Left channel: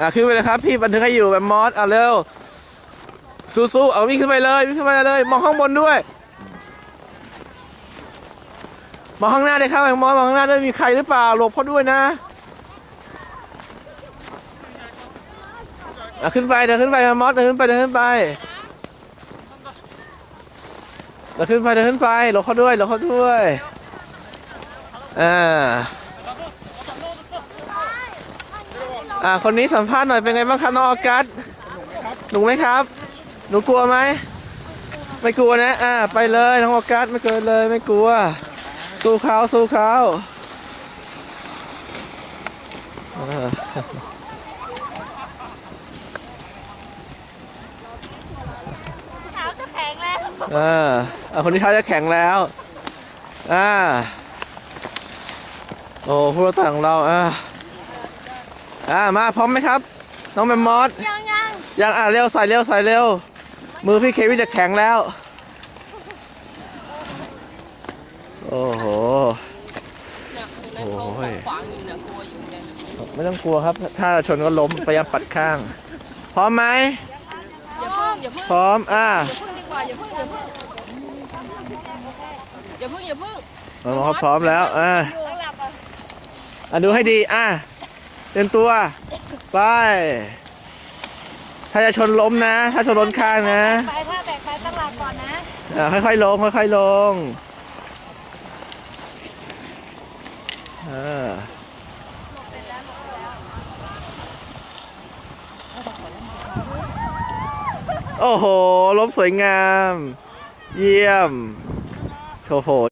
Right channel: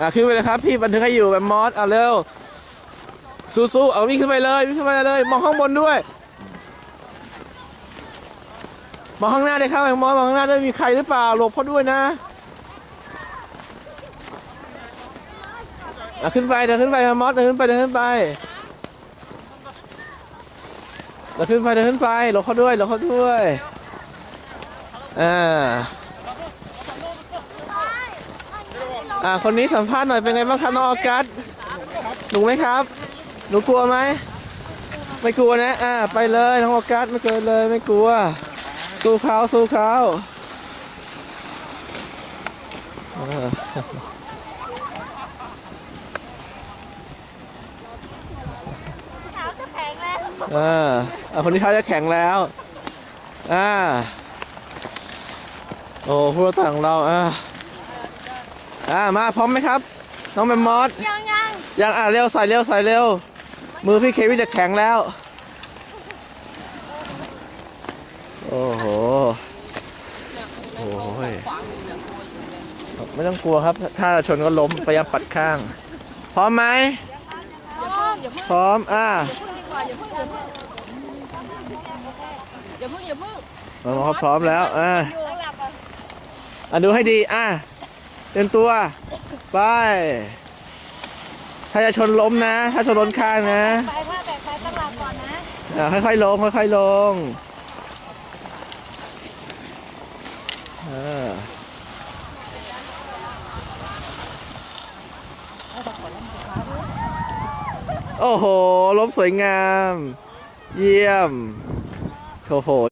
อะขึ้นไปเลยครับพี่บันทึกให้อยู่แบบมอสอะเร็วสู้ๆเอาวิ่งขึ้นไปเลยวิ่งขึ้นไปเลยมองข้างบนด้วยมองข้างหน้าด้วยครับแมมมอสมองข้างหน้าด้วยมีใครหรือเปล่าหลบเขาด้วยนะอะขึ้นไปเดินขึ้นไปมอสเดินขึ้นไปเดินขึ้นไปเดินขึ้นไปเดินขึ้นไปหลบเขาด้วยหลบเขาด้วยอ่า อ่าคนนี้สัมภาษณ์หน่อยเป็นไงบ้างครับน้องออกัสหนูไหมครับ หนูกลัวไหมไม่กลัวนะอ่าไปเลยน้องออกัสไม่เกินเลยไม่กลัว สู้เขาสู้เขาเออเช้าจะแข็งแล้วเออเอาคนที่เขาจะแข็งแล้วอ่าโอ้ผู้รับต่างของเราอ่า อ่ามาพร้อมไหมครับ น้องแมมมอสยังยังยังอะเร็วใส่เร็วใส่เร็ว มือพี่เควินจะแข็งแล้ว โอ้โหโอ้ยไม่ต้องกลัวครับ ถ้าชนก็ล้มพยายามปัดข้าง พร้อมไหมอย่าพึ่งอย่าพึ่งพร้อมอ่าพึ่งดีกว่าอย่าพึ่งอย่าพึ่งอย่าพึ่งอย่าพึ่งเราเขาพร้อมแล้วอ่าอะดูให้ดีอะ เตรียมตัว ไป ถ้าจะชนล้มนะ ถ้าชนล้นข้างนะ ไปถ้าแตกไปตั้งหลักก่อนนะอ่าค่อยๆลง ค่อยๆลงเออโอ้โห ล้มสวยงาม เยี่ยมโอ้โห